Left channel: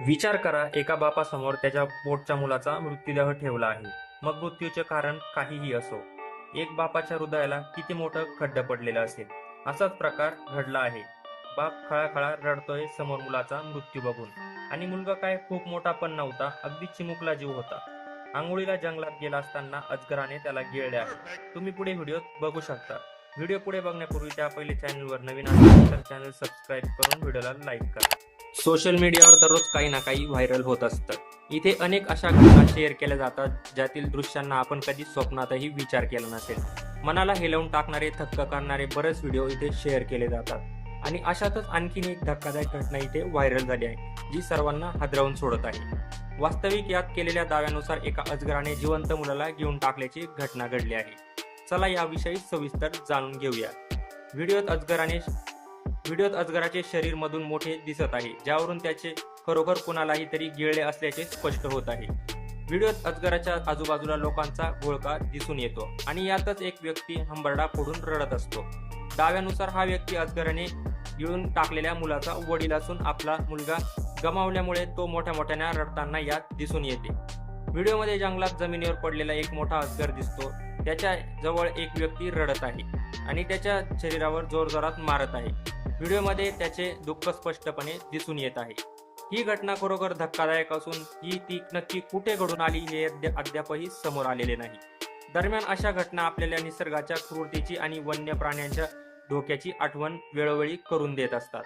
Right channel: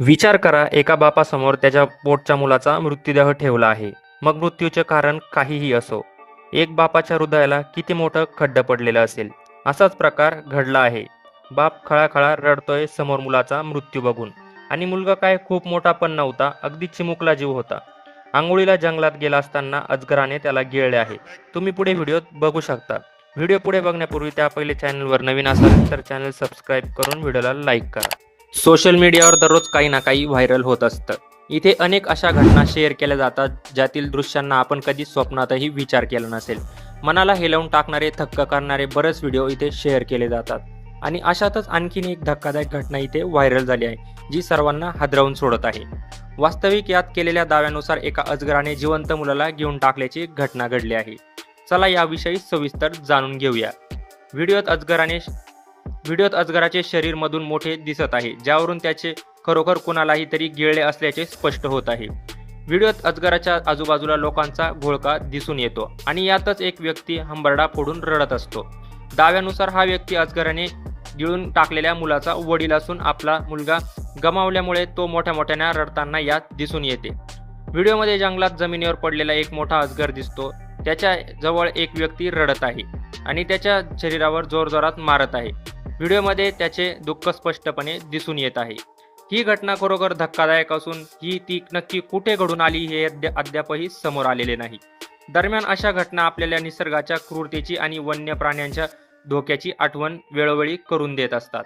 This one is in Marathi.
विचार करा एका बापासमोर त्याच्या पोटच्या मुलाचा मृत्यूदेह ठेवला आहे. मग मृत्यूचे कारण काहीही असो. एक बापाच्या हृदयाला किती मोठं खड्ड पडलेलं असेल? असाच प्रकार घडला आहे. बाप खळाखळा रडतोय समोर मुलाचा मृत्यू बघून. आणि मुलगा काय खूप मोठा पण नव्हता अगदी चिमुकला जीव होता. आंघोळीला जंगलात गेला असताना अजगराने त्याला गिळले आहे. तुम्ही पुढे व्हिडिओत बघू शकता. व्हिडिओ पुढे बघण्यापूर्वी त्या पहिले चॅनलवर नवीन असाल तर चॅनल सबस्क्राईब करून व्हिडिओला लाईक करा. सोशल मीडियावर दररोज काही ना काही व्हायरल होत असतं. इथे अनेक अशा घटना शेअर केल्या जातात ज्यातील दृश्यांना आपण कधी स्वप्नातही विचार केला नसेल. मनाला हेलवून टाकणारे थक्क करणारे बरेच व्हिडिओ इथे शेअर केले जातात. आणि अशातच आणखीन एक धक्कादायक घटना इथे व्हायरल झाली आहे जी सर्वांना हादरवून सोडत आहे. वास्तविक यात केलेल्या दाव्यानुसार एका अजगराने जिवंत मुलाला घेऊन टाकल्याची घटना घडली आहे. चला याविषयी सविस्तर जाणून घेऊया. व्हिडिओत अजगराने व्हिडिओत अजगराचे शरीर मधून मोठे दिसत आहे ज्यावरून त्याचे खरोखर कुणालाही तरी गिळले असल्याचे स्पष्ट होत आहे. व्हिडिओत अजगराच्या आजूबाजूला लोकांचा घोळका दिसून येतो आणि यातच एक व्यक्ती हंबरडा फोडून रडत असतो. दाव्यानुसार हा व्यक्ती अजगराने गिळून टाकलेल्या मुलाचा वडील असून आपला मुलगा गमावल्यामुळे तो मोठ्या मोठ्याने रडताना यात दिसून येते. व्हिडिओमध्ये जंगलात जमिनीवर पडलेला एक मोठा अजगर दिसतो. त्याच्याजवळ एक व्यक्ती रडत आहे आणि त्याच्या शरीरावर जोरजोरात मारत आहे. व्हिडिओमध्ये त्याचे दुःख स्पष्टपणे दिसून येत आहे. ही घटना खरोखर धक्कादायक असून ही ती नक्की कुठे घडून आली हे अद्यापही समोर आलेले नाही. दरम्यान अशा घटना आपल्याला निसर्गाच्या क्रूरतेची आणि वन्य प्राण्यांच्या धोक्याची आठवण वेळोवेळी करून देत असतात.